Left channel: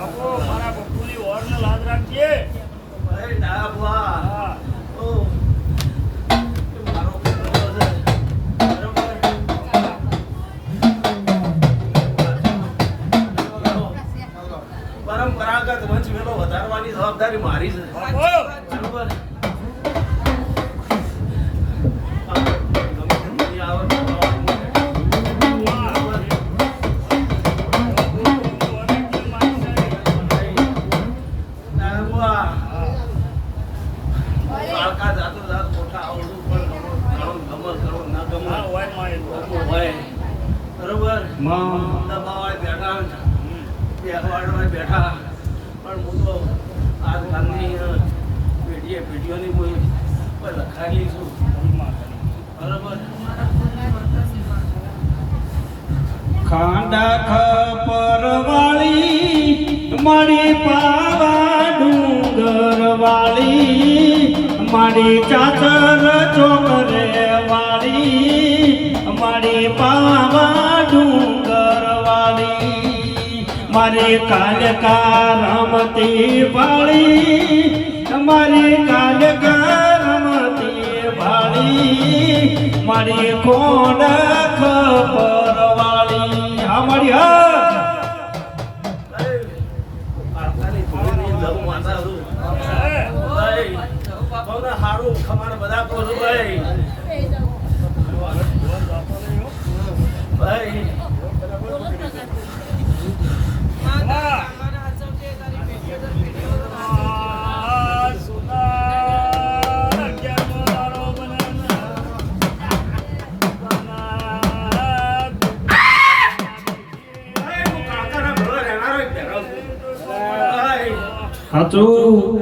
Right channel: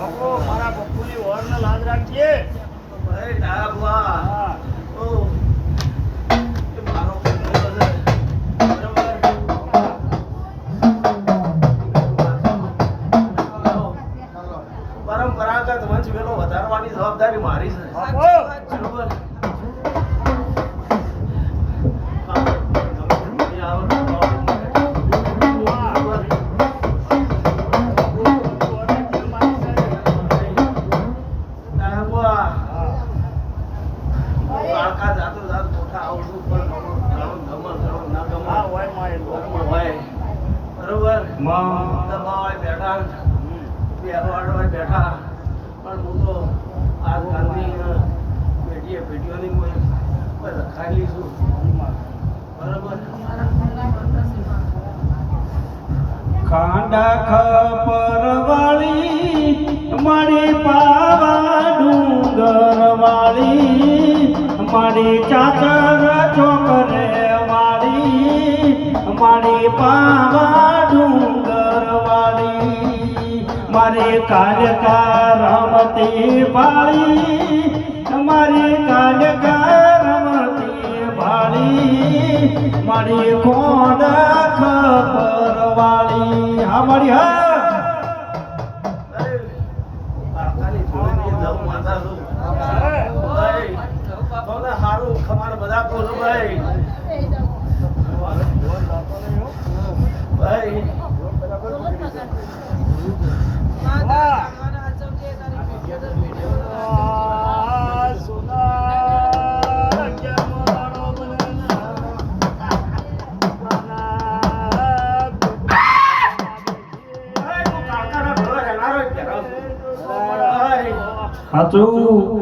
મારા બપુની ઓરનો લાદ રાખજે. ભાઈ ના બુઆ. હા. ઓ એ મારો બરોબર. પરંપરાગત વંશ વેલો વધારવાની જવાબદારી મારી છે. બરોબર. બેઠા પણ હું તો આજકાલની પેઢીઓની કોઈ લખાયેલી છું. બરોબર. ખાંડા ખપર વાળી મારી પાવા ડુંગર વાળી મારી ચાચર ચોકરે વાળી મારી પાવા ડુંગર વાળી મારી કાલકા રમતી વાળી મારી કાલકા રમતી વાળી મારી કોડ ખબર વાળી હા મારી હા પારકાની જોડેની લવ માતા છું. ભાઈ તમને હારું ખમાણ બધા કહો છો ભાઈ. ભાઈ સાચું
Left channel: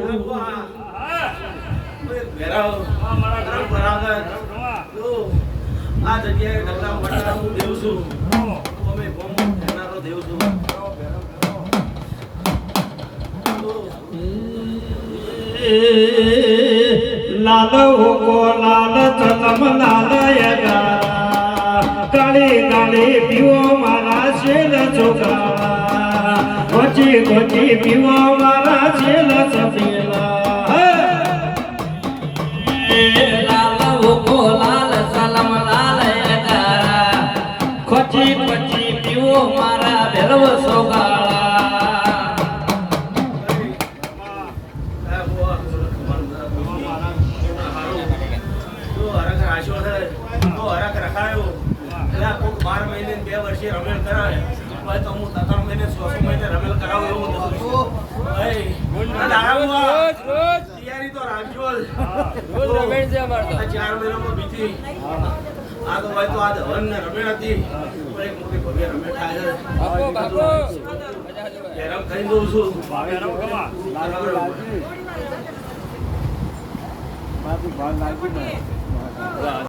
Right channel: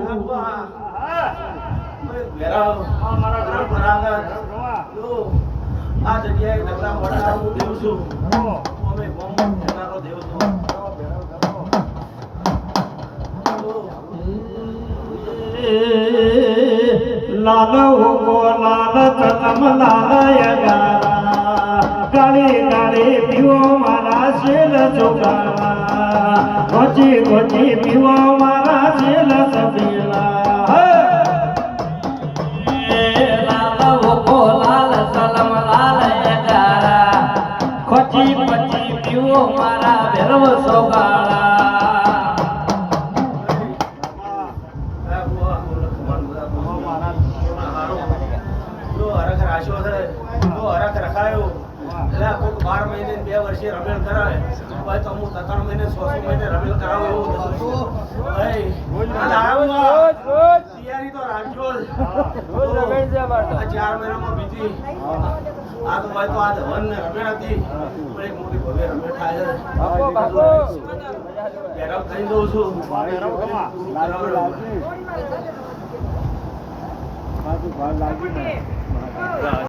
આ જગ્યાએ નગરા વટાર હું દેવ છું. અમે ભેનારો દેવ છું. લાલ કો લાલ ચલમ લાલ યગારા કાળી કાળી પીવો મારા શેલ ચોકારા ગોચી ગોચી પીવો મારા શેલ સફેલા લાલ કો લાલ ચલમ લાલ યગારા ખોચી ખોચી પીવો મારા ભેરવ સોગાળા હરખ રખાયો એટલે કોઈક 12 મહિને 2 વર્ષે રમેલ કરાવે ભાઈ તો હું 3 મહિને 6 મહિને રમેલ કરાવું એવું નથી. ભાઈ તૈયારી તો રાખજો. રોજ રમેલ છે અમારે 4 મહિનામાં બીજી આ તો ભાઈ તો આ હવન ને રમેલ હતી પણ એક મોટી ભવ્ય રમેલ થાય છે. ગરમ કરી દઉં છું.